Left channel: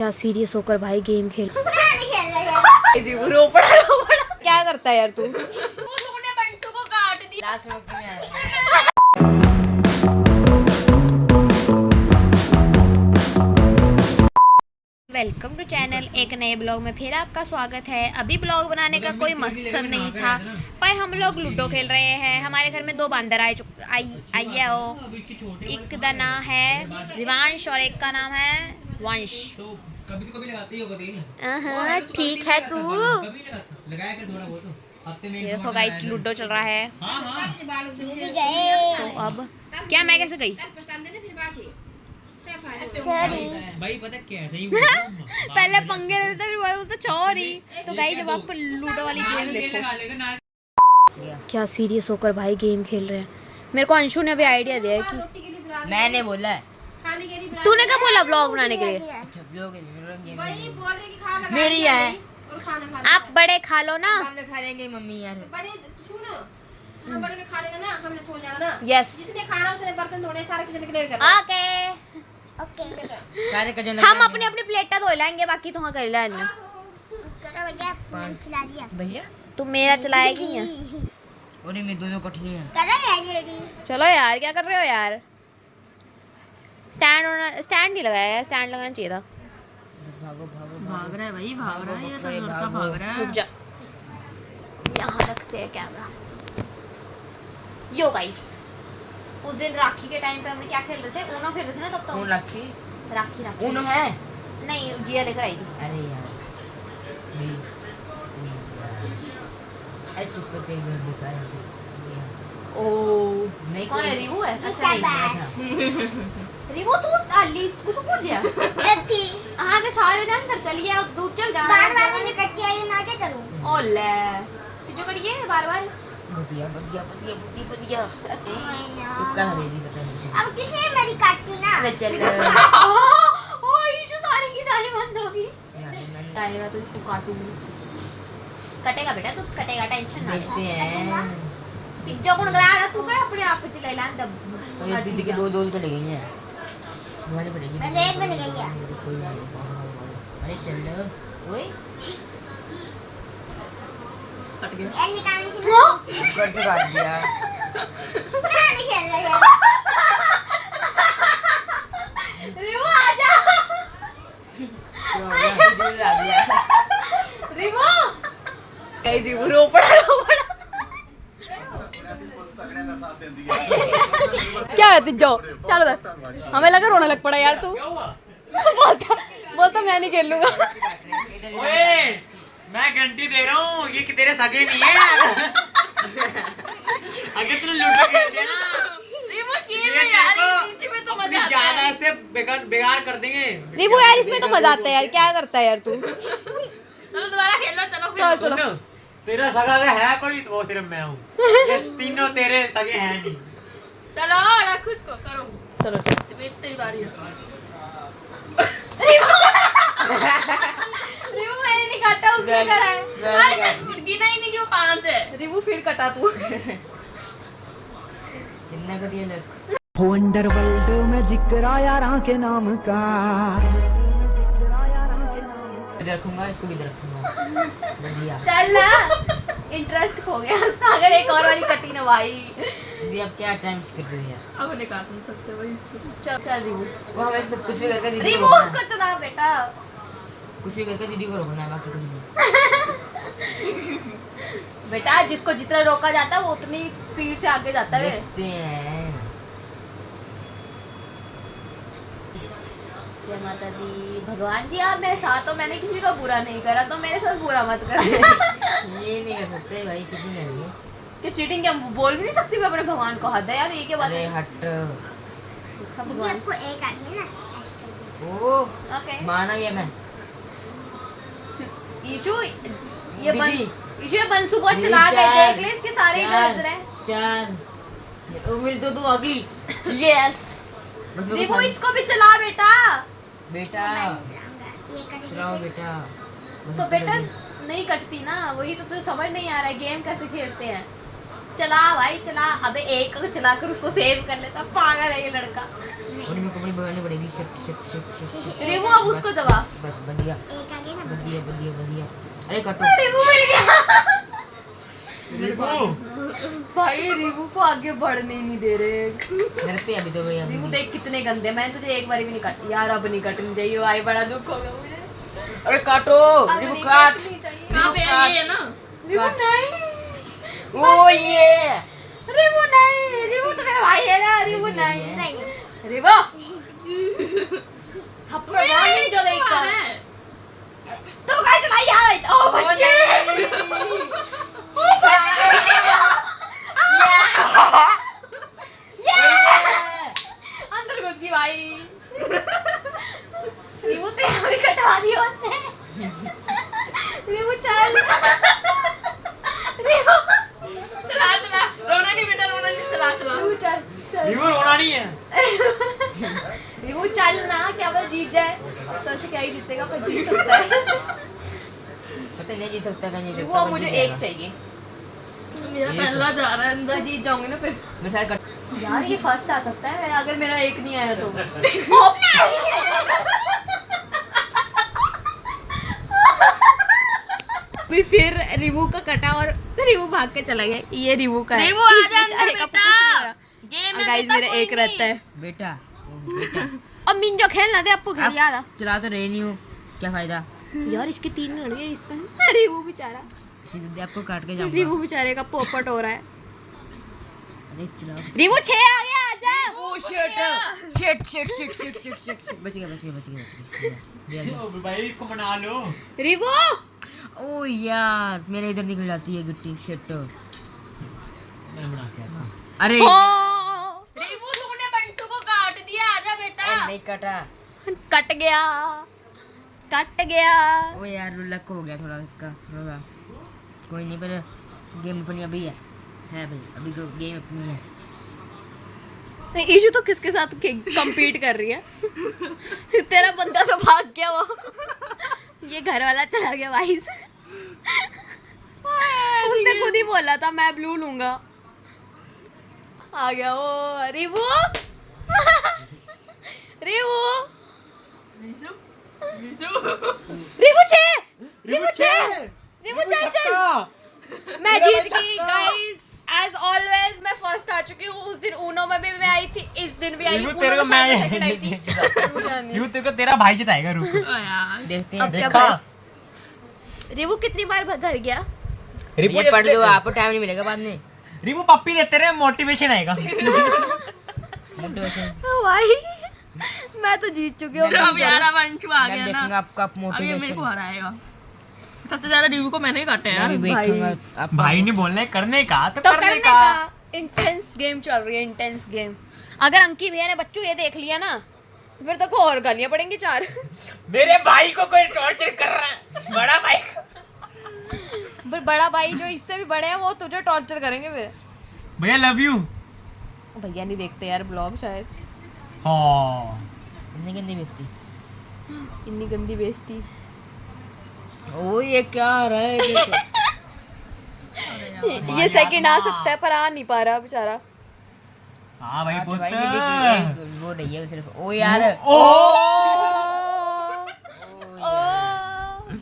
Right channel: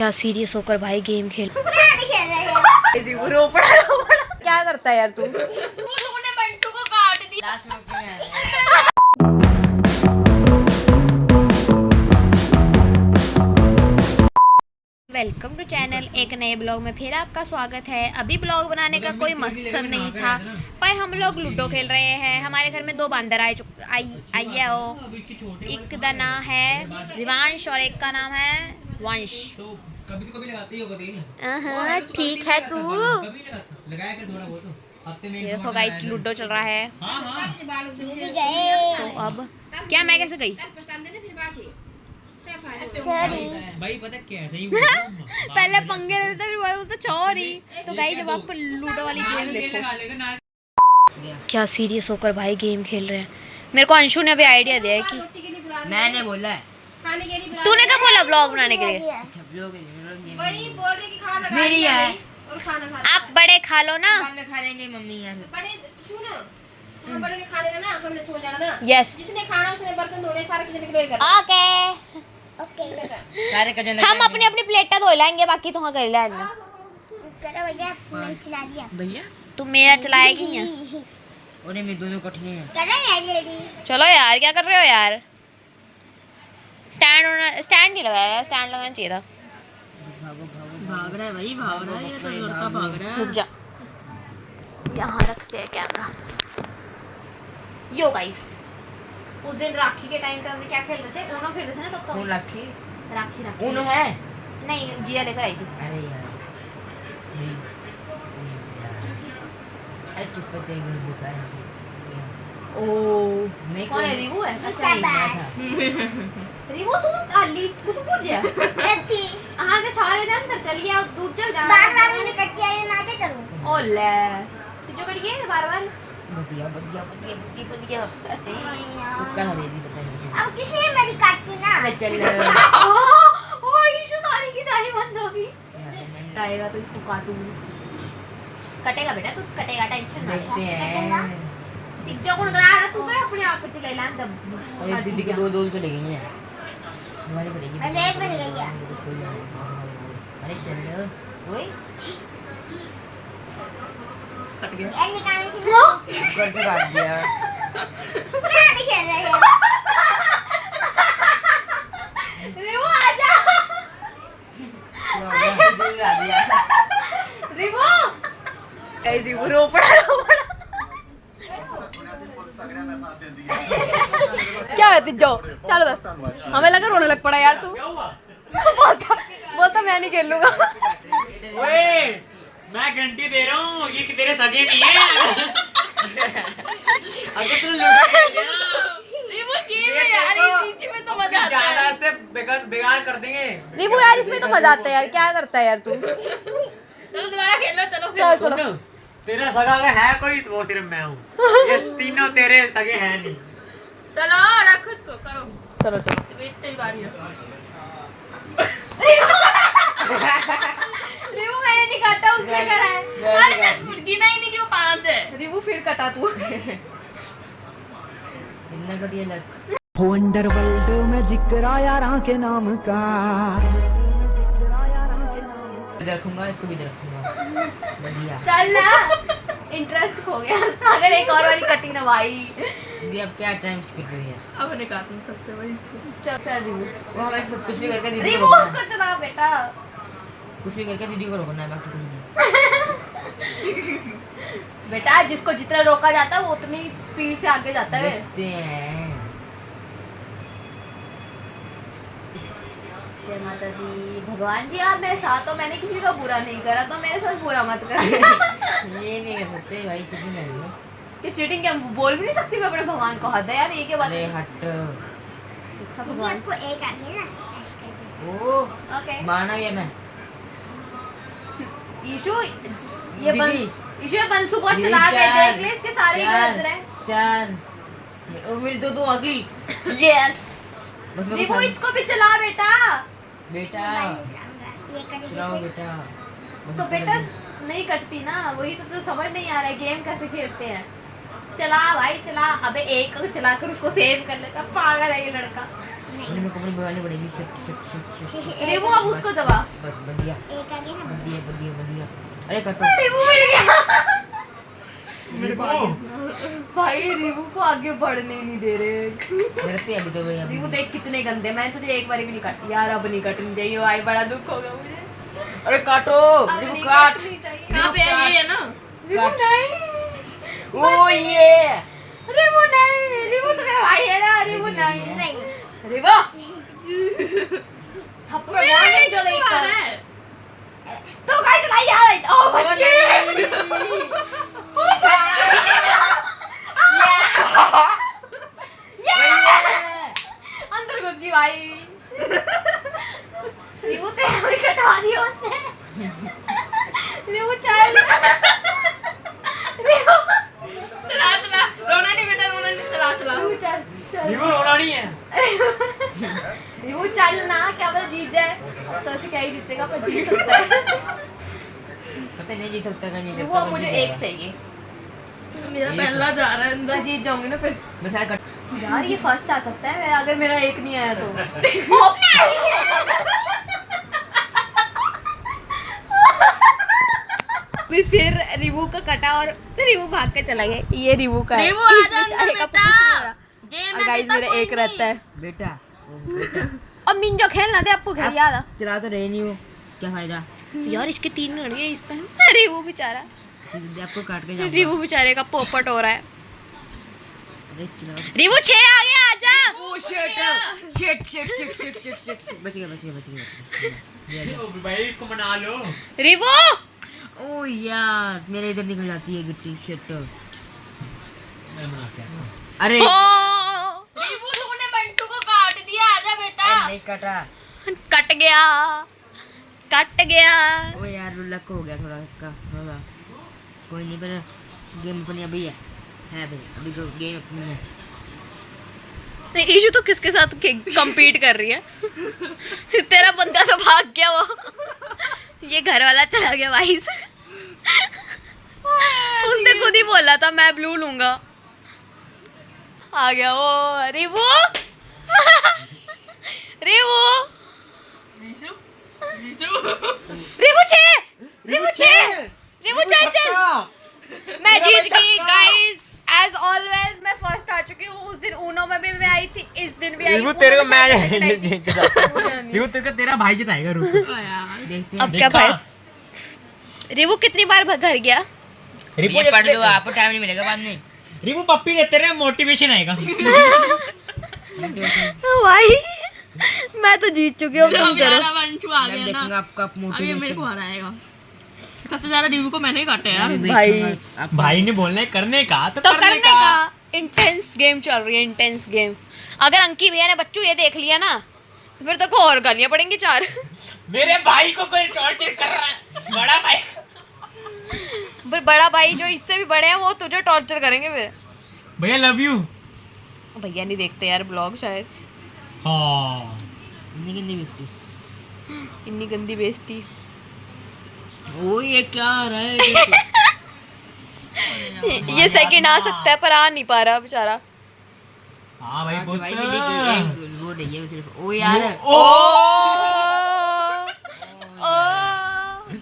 क्या सीरियस होकर भाई गेम खेल रो पड़ा। क्या करता है यार तू? तूने बंटू को काट दिया। Welcome to channel. एक नए ब्लॉग में फिर आपका स्वागत है। अभी ब्लॉग बनाने का कोई मकसद नहीं था, पर हम लोग लूडो खेल रहे हैं। हमारे घर में दो बंदर आई है वो। एक का नाम है रिवांश और एक का नाम है वंश। कभी तो कभी लगाती हो कभी। ठीक है तू। लगाया कर थोड़ा बहुत हफ्ते में एक देखो गाइस लूडो चल रहा है। हां तो अब क्या मैं कैसे गई? भाई पता क्या है पहले पंगे लेते फिर बोलते सॉरी। तो गाइस जब आप लूडो वाली गेम देखो, क्या सीरियस होकर भाई गेम खेल रहे हैं। मेरे को अंशु ने अभी आइडिया दिया है कि मैंने बोला है। तूने क्या बोला ब्लॉग बनाने के लिए? मेरी है। आप बड़े खा लो ना। खा लेंगे मम्मी यार। बड़े ने खा लेना ना, हमने सो जाना ना। यस जिसने खाना उसने बर्तन धोने सारे किचन क्लियर करना। ओके। सारे का हम अपनी अपनी प्लेटा धो लेंगे, बाकी तुम कर लेना। करो भैया, मैंने चला दिया। भैया तुम मेरा चलाएगी या? उन्हें में दोनों को ठीक है। करो यार रेडी। चलो यार क्या कर रहे हो यार? स्टैंड नहीं लगाया, स्टैंड लगाना चाहिए था। भाग रहा है भाई, भाग रहा है। ये तो लड़का भाग रहा है। रुक जा, यहाँ रखते हैं कैमरा। यो गाइस, उस दिन राखी के टाइम पे हमने क्या खेल रहे थे? ऊनो खेल रहे थे ना तब तो। कौन राखी? राखी उन्हों है? नहीं, जिया लेकर आई थी। अरे यार नहीं अरे चुप कर तेरे घर बुका है। ओ नहीं कौन है? रिवू है? अच्छा नहीं मैं था। रिवू तू अली तू तो पूछ गया। थी हां ते सारे दिन अंदर चली गया, दूर चल जा। बार-बार मैंने कट किया है ना, क्या करूं? ओले तू जो करिए बार-बार। बढ़िया कुत्ता खरीदी पता नहीं। अब किसने मेरी काटी ना? अबे चल ओ ईशु सारी की सारी बंद होगी। आएगा तो इसको काटूंगी। कटेगा बेटा, तू कटेगा, टेंशन ना देखते ले। हैं। जो गुण गला रहा तू क्या अपने आप पे चले लाम दब। और दीदी के दो चले गए हैं। हमारे पड़ेगी। अरे एक बन गई है। अरे चल ओए कट गया। ये निकालने की ऊपर से काट दिया। मैं नहीं खेल रही है। रिवू आजा। रिवू कहीं रिवू रो पड़ा। क्या है तिजो? चल बस, हमें लगा रोने लग पड़ा यार तू। बोलता मैं नहीं खेल लूंगा। ओए मैं गारंटी दे रहा हूँ ये कि तेरे सगे नहीं है। अगर तू लूडो खेलते ना रिमो गेम है यार, ये नीचे में तो मजा आता है। ज्यादा से बेकार कर देंगे। रिवू यार इसमें तो मजा आता है यार, क्या करता है यार तू? चलो दोबारा खेल लो। चलो चलो सुन, तेरा सगा अगर है कोई तो वो सिर्फ मैं हूँ। ये तीनों तेरे सगे हैं नहीं। चलो रख इसको करो। चलो चलो। वेट तेरी बारी है। रिवू मैंने नहीं काटा, उसने करा है। अरे मैं गिना ही नहीं कि वो 5 है। रिवू फिर कटा तू। इतना घटिया लग। अंडरवर्ल्ड में जिक्र आया राह के नाम का। रखूंगा इसको भी रखूंगा। बढ़िया। चल ना, इंटरेस्ट खो गया। अगर एक और वाली कटी ना भाई। दीदी अब क्या टाइम कर रही है? अब नहीं काट नहीं सकते भाई इसको। चल चल रिवू। वो हमें सब कुछ भी करके दीदी को रिवू रोकना है। उसको चला बेटा। कुछ भी करके दीदी को रोकना है, बाकी कुछ नहीं। बेटा जिसको जितना रोका जाता है वो उतनी स्पीड से आगे जाता है। देखते हैं। जय माता दी। भगवान जी आप मेरे साथ हो, मैंने किसी का बुरा नहीं करा तो मेरे साथ बुरा मत कर। ये नहीं कर सकते भाई, कितनी नहीं है। कि चीटिंग क्या बोल भी नहीं सकती मैं अपने भगवान को? हद है यार, ये क्या बात अरे है? हट। अच्छा दीदी भगवान। आपको एक आनी है ना, ऐसे करके। ओ ओके माना भी है मैं। ईशु ये दीदी। ईशु ये बंसू बहुत दीदी, चला के चार, देख ले, इसके सारे चार, इधर हैं। 4 ओ मेरी दो अगली। यस रिवू इसको भी चला बेटा। बेटा ये करके चलाओ बेटा। तो बेटा नहीं कटती ना, वही तो तुझे समझ नहीं आ रहा है गेम कैसे खेलते हैं। चला भाई चला। अबे एक को चलाकर उसको सेव कर लेता, पागल है ये लड़का। मेरे को अपनी बगानी पड़ेगी। शिट। रिवू अब उसको दबा। बस बढ़िया बढ़िया। अरे कटो। रिवू मिल गया। भाई रिवू को आगे बढ़ने ही नहीं दे रहे। मेरे पे अभी तो भैया रिवू देख कितने गंदे, मैंने तुझे एक बार भी नहीं काटी यार, अब नहीं कटनी चाहिए भाई, बड़ा दुख हो गया मुझे। अरे काटो अब रिवू नहीं काट। कटनी चाहिए। कहाँ पे है ये ना? रिवू नहीं, ओ ये रिवू नहीं, रिवू तो मेरा भाई है ना। रिवू नहीं, रिवू थप्पड़ मारने जो देखकर तो गाइस लाई यार। ओ बच गई। अंदर घुस गई भाई। रिवू तो हमें कटवा दिया उसने। रिवू चल। रिवू चला रोना नहीं बेटा, रोना नहीं, चला रिवू चल चल। रिवू रोना नहीं है। रिवू चल ना, क्या पता जीत जाए। तो ऐसे क्या ही जीतेगा, पर जीत सकता है। पता नहीं जीत सकता नहीं रिवू अब मुझे एक चाहिए, मेरा पहला जा रहा है अंदर। मैं जीत जाऊंगी ना फिर। मैं सारे कट यार ये फर्स्ट आ सकता है अगर मेरा एक नहीं आया तो। फिर रिवू का कटा और रिवू भाग के चला गया। ये रिवू का है। रिवू आ इस जा बेचारे अंदर का बेटा। कुछ नहीं हो रहा। गेम और में गाइस बेटा मेरा कोई एक रहता है। बेटा अब मिंजो खेलना दे, आपको खेल याद आ। चला तो रही नहीं हूँ, क्या फायदा। यार इसके 3 लड़ गए इसका। रिवू बेचारा, सीधे आपको काट के जा। रिवू बेचारे का पोपट हो रहा है। चला। रिवू 6 आ गया, आजा। शिट बच गया। ओ भाई को मना लो। रिवू ओ यार मेरे इधर निकल जाती है गिट्टी। शिट मैं मना के आता हूं। अरे ओ रिवू तूने बंटू को काट दिया, आजा बेटा। नहीं कटा। कट गया, कट गया। ओ यार लक हो गया थोड़ा उसका थोड़ा। कोई नहीं, पर गेम अपनी अभी है भाई, अभी तो गेम अपनी है। नहीं ईशू तो किसके साथ compete कर रही है। तेरा बंदा तो भाग गया वो। ये घर वाला चला गया भाई से। उसने खुद ही बोला था मैं ब्लू लूंगा। आ गया वो रिवू। रिवू रिवू रिवू चल। मैं जीत गई गाइस। एज ऑलवेज मैं फर्स्ट आ चुकी हूँ। उस दिन ऊनो में भी मैं आई थी, इस दिन भी आई हूँ। रिवू तेरे को मैं रिवू रिवू तेरे को तेरा भाई जिताएगा। रुक देखते हैं। अब क्या भाई, रिवू कितनी बार घर गया। रिवू ये पढ़ लो, आपको टाइम नहीं मिलेगा बाद में। रिवू पप्पी देते रहे, मोटिवेशन आएगा। भाई मैं तो जीत चुकी हूँ। अब यार बंटू आ मैं गया देखूंगा ना, आपका अभी मेरे को मोटिवेशन। हराएगा। सबसे ज्यादा रिवू को मैंने ही काटा यार। भाई भाई ने बोलना है करने का तो करने का। इंटेंस गेम चल रही है, इंटेंस गेम। अगर अंकी भैया ने बच्चू ये देख लिया ना, फिर तेरे को और गालियां पड़ेंगी 4। मेरे भाई को कोई टॉर्चर कर रहा है। बड़ा भाई फिर बड़ा भाई जो इससे भी बड़े हैं वो तुझे टॉर्चर करेंगे फिर। भैया लव यू। भैया नहीं देखते यार ब्लॉग शायद। हाँ नहीं बेइज्जती। इतनी गंदी बेइज्जती। ओ ये क्या आ रहा है। ये सेकंड आ सकता है पर आ नहीं पा रहा बेचारा। हाँ भाई भाई पुत्र। वो नहीं है सिर्फ। ओ यार ओ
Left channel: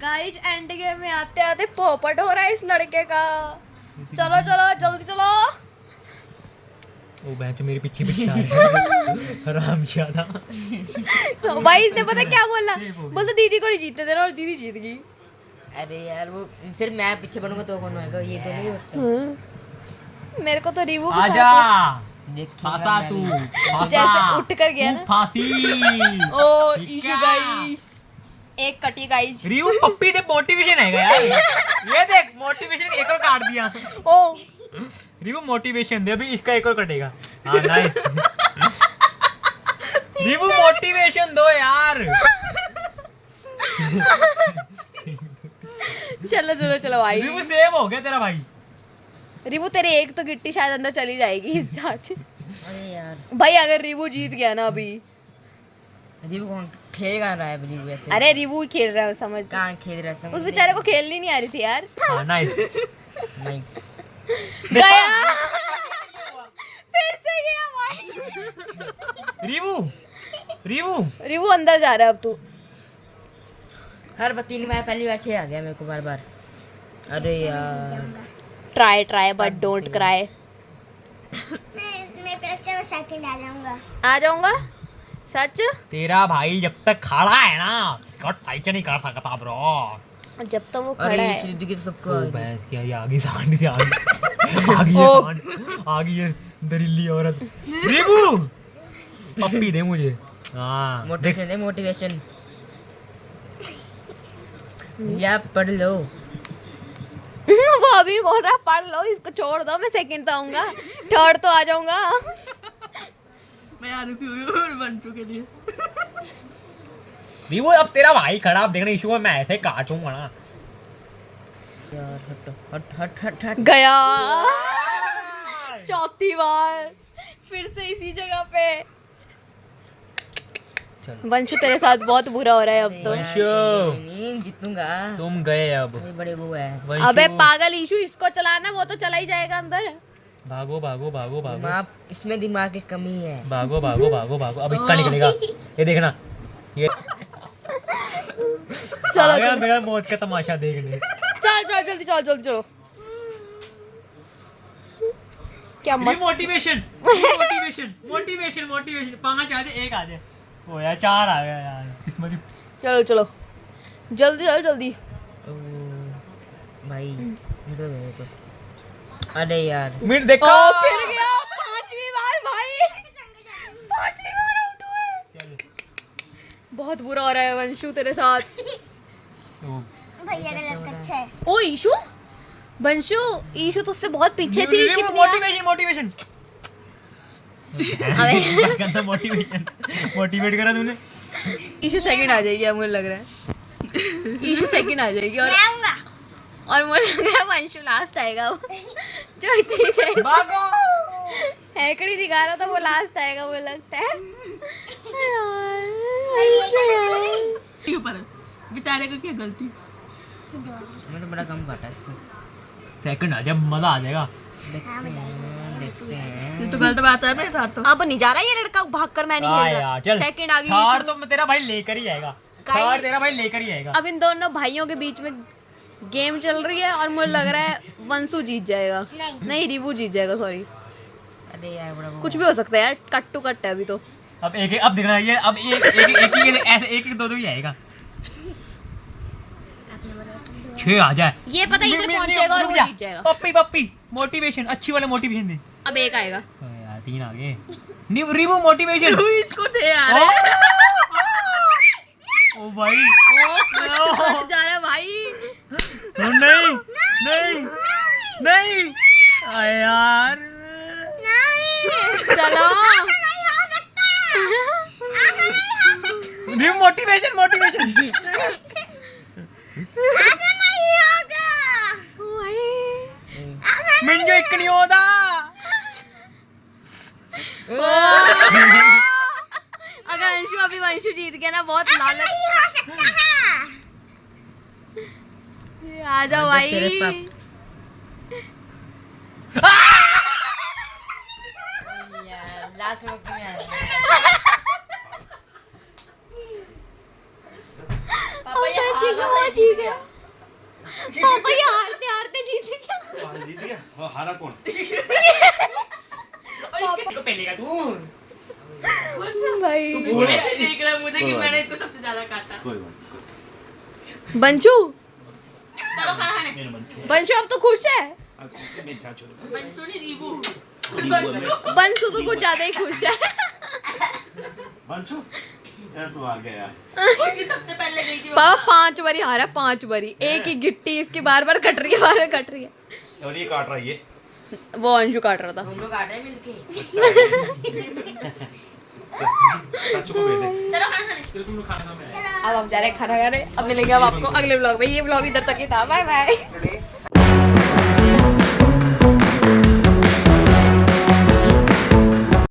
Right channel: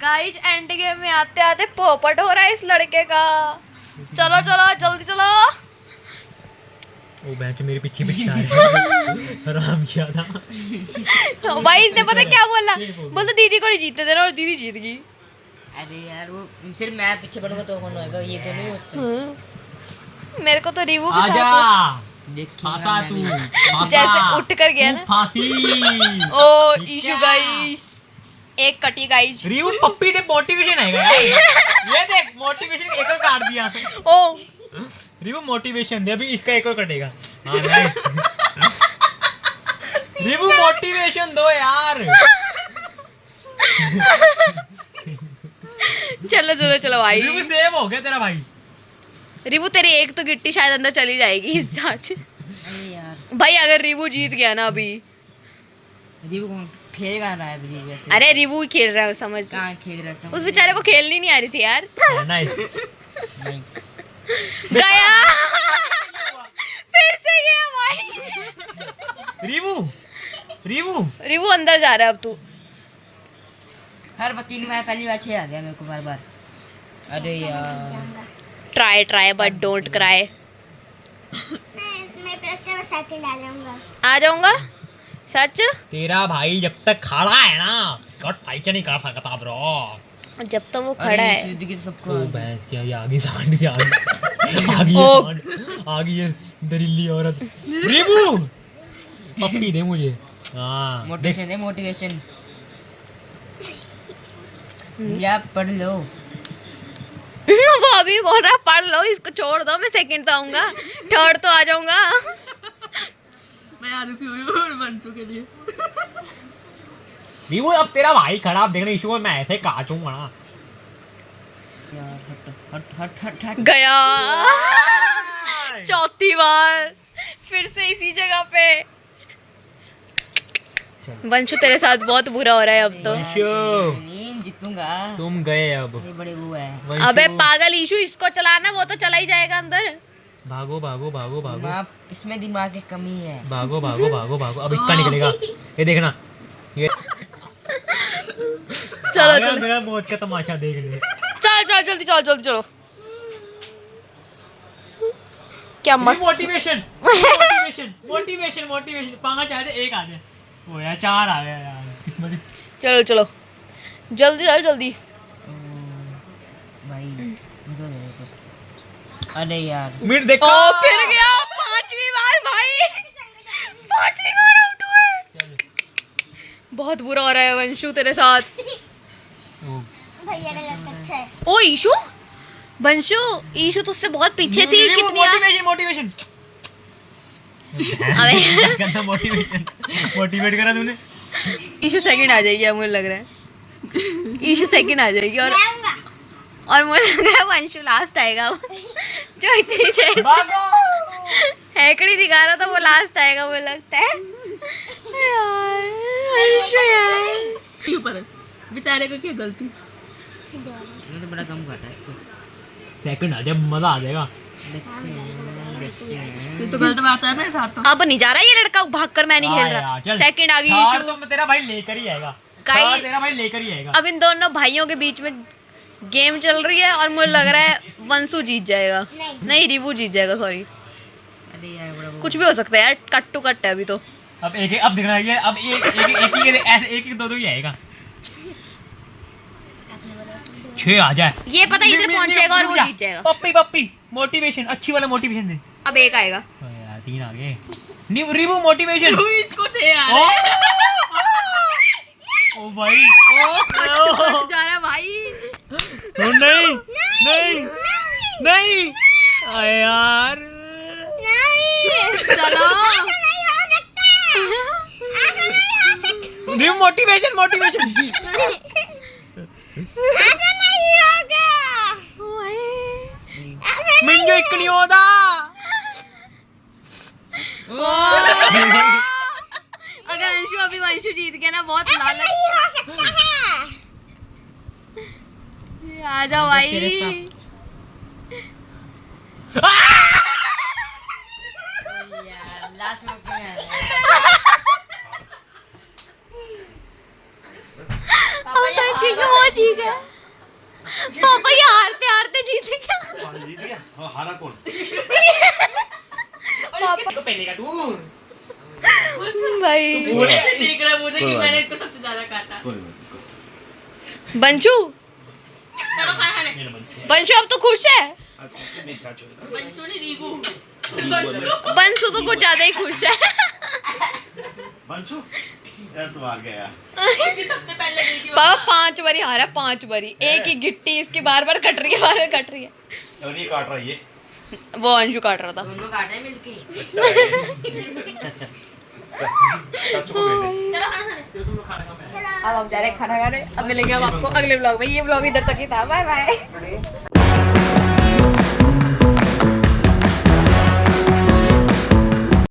गाइस एंड गेम में आते आते पोपट हो रहा है इस लड़के का। चलो चलो जल्दी चलो। ओ बेंच मेरे पीछे पीछे आ रहा है। आराम ज्यादा। भाई इसने पता क्या बोला, बोलता दीदी को नहीं जीतने देना, और दीदी जीत गई। अरे यार वो सिर्फ मैं पीछे बनूंगा तो कौन होएगा, ये तो नहीं होता। मेरे को तो रिवू के आजा साथ देखिएगा फाता तू मैं। फाता। जैसे उठ कर गया ना। फाती। ओ ठीक ईशू है। गाइस एक कटी गाइस। रिवू पप्पी दे मोटिवेशन आएगा यार। ये देख मोटिवेशन एक और काट दिया। ओ रिवू मोटिवेशन दे, अभी इसका एक और कटेगा। हाँ नाइस। रिवू मोटिवेशन दो यार। चलो चलो चलो भाई। रिवू सेव हो गया तेरा भाई। रिवू तेरी एक तो गिट्टी शायद अंदर चली जाएगी इस जांच। अरे यार भाई अगर रिवू जीत गया ना अभी। रिवू कौन खेल कहाँ रहा है रिवू वैसे। अरे रिवू ही खेल रहा है समझ। कहाँ खेल रहा है उस बेचारे को खेलनी नहीं आ रही थी यार। हाँ नाइस। नहीं गया फिर से गया भाई। रीवू रीवू रिवू अंदर जा रहा है अब तू। हर बार 3 बार पहली बार 6 आ गया मेरे को बार बार। अरे यार try try but don't cry. मैं कहते हैं सेकंड आ जाऊंगा। आ जाऊंगा सच। तेरा भाई जब तक खड़ा है ना कट भाई क्या नहीं कर सकता ब्रो। जब तक वो खड़ा है। देखिए तो सबको ओ बहन क्या ये आगे सांड से आगे ओ। आगे ये दरिल्ली औरत। रीवू पप्पी दे मुझे। हाँ देख मोटिवेशन है मोटिवेशन। या पढ़ लो। वो अभी बोल रहा पढ़ लो इसको छोड़ दो, मैं सेकंड तो आऊंगा, थर्ड तो आ जाऊंगा। मैं आ रुकी हुई बन चुके लिए। रीवू अब तेरा भाई खड़ा अब देखना इशू मैं ऐसे काटूंगा ना। यार हट हट हट हट। गया चौथी बार फिर से इसी जगह पे। वंशु तेरे साथ बहुत बुरा हो रहा है अब तो। वंशु नहीं जीतूंगा। तुम गए अब। अरे बड़े वो है। वंशु, अबे पागल ईशु, इसको चलाना वो तो चला ही जाएगा अंदर। भागो भागो भागो भागो दिमाग इसमें दिमाग की कमी है। भागो भागो भागो भागो अब इक्का निकलेगा ये देखना ये। चलो आया चलो मेरा मौत का तमाशा देखने। चल चल जल्दी चलो जल्दी चलो। क्या मस्त। मोटिवेशन मोटिवेशन मोटिवेशन मोटिवेशन 5 आ जाए 1 आ जाए। ओ यार 4 आ गया यार किस्मत ही। चलो चलो जल्दी चलो जल्दी। ओ, भाई निकल गए तो। अरे यार मिनट देखो ओ फिर गया 5वीं बार भाई, 5वीं बार आउट हुए। बहुत बुरा हो रहा है वंशु तेरे साथ। ओ, भैया का लड़का अच्छा है। ओ ईशु, वंशु ईशु तुझसे बहुत पीछे थी कितनी। मोटिवेशन मोटिवेशन अबे मोटिवेशन मोटिवेट करा तूने। ईशु सेकंड आ जाएगी अब मुझे लग रहा है। ईशु सेकंड आ जाएगी और मुझे लग रहा है वंशु लास्ट आएगा। जो इतनी देर से हैकड़ी दिखा रहा था वो लास्ट आएगा मुझे लगता है। यार वंशु यार ऊपर बेचारे को क्या गलती। ये तो बड़ा कम घटा है इसको। सेकंड आ जब मजा आ जाएगा। ये तो गलत बात है मेरे साथ तो। अब नहीं जा रहा ये लड़का भाग कर, मैं नहीं खेल रहा। सेकंड आ गई थर्ड ईशु। तो तेरा भाई लेकर ही आएगा। काई- थर्ड तेरा भाई लेकर ही आएगा। अब इन दोनों भाइयों के बीच में गेम चल रही है और मुझे लग रहा है वंशु जीत जाएगा। नहीं रिवू जीत जाएगा, सॉरी। अरे यार बड़ा वो। कुछ भी हो सकता है यार, कट टू कट है अभी तो। अब अब देखना ये अब एक दो ही आएगा। 6 आ जाए। ये पता है इधर पहुंचेगा और वो जीत जाएगा। पप्पी पप्पी मोटिवेशन अच्छी वाला मोटिवेशन दे। अब एक आएगा। यार 3 आ गए। Review motivation. इसको थे यार। ओ भाई ओ कट टू कट जा रहा है भाई। ओ नहीं नहीं नहीं अरे यार चलो रीवू मोटिवेशन मोटिवेशन। मिंजो एक नहीं होता। अगर अंशु अभी वंशु जीत गया ना बहुत लालच। आ जाओ भाई। लास्ट में क्यों आया? अब तो ठीक है वो जीत गया। पापा ये हारते हारते जीत गया। जीत गया हाँ, हारा कौन तो पहले तू भाई देख रहा है मुझे कि मैंने इसको सबसे ज्यादा काटा। कोई बात बंशु, चलो खाना खाने। नहीं बंचू बंशु अब तो खुश है। मेरी बात छोड़ बंटू ने नींबू। बंशु तो कुछ ज्यादा ही खुश है। बंचू यार तू हार गया यार सबसे पहले गई थी पापा 5 बारी हारा, 5 बारी। एक ही गिट्टी इसकी बार बार कट रही है, बार बार कट रही है। और ये काट रहा है ये वो अंशु काट रहा था। दोनों काटे हैं मिलके। चाचू को भेज दे चलो खाना खाने। अब हम जा रहे हैं खाना खाने। अब मिलेंगे हम आपको अगले ब्लॉग में। ये ब्लॉग इधर तक ही था। Bye bye.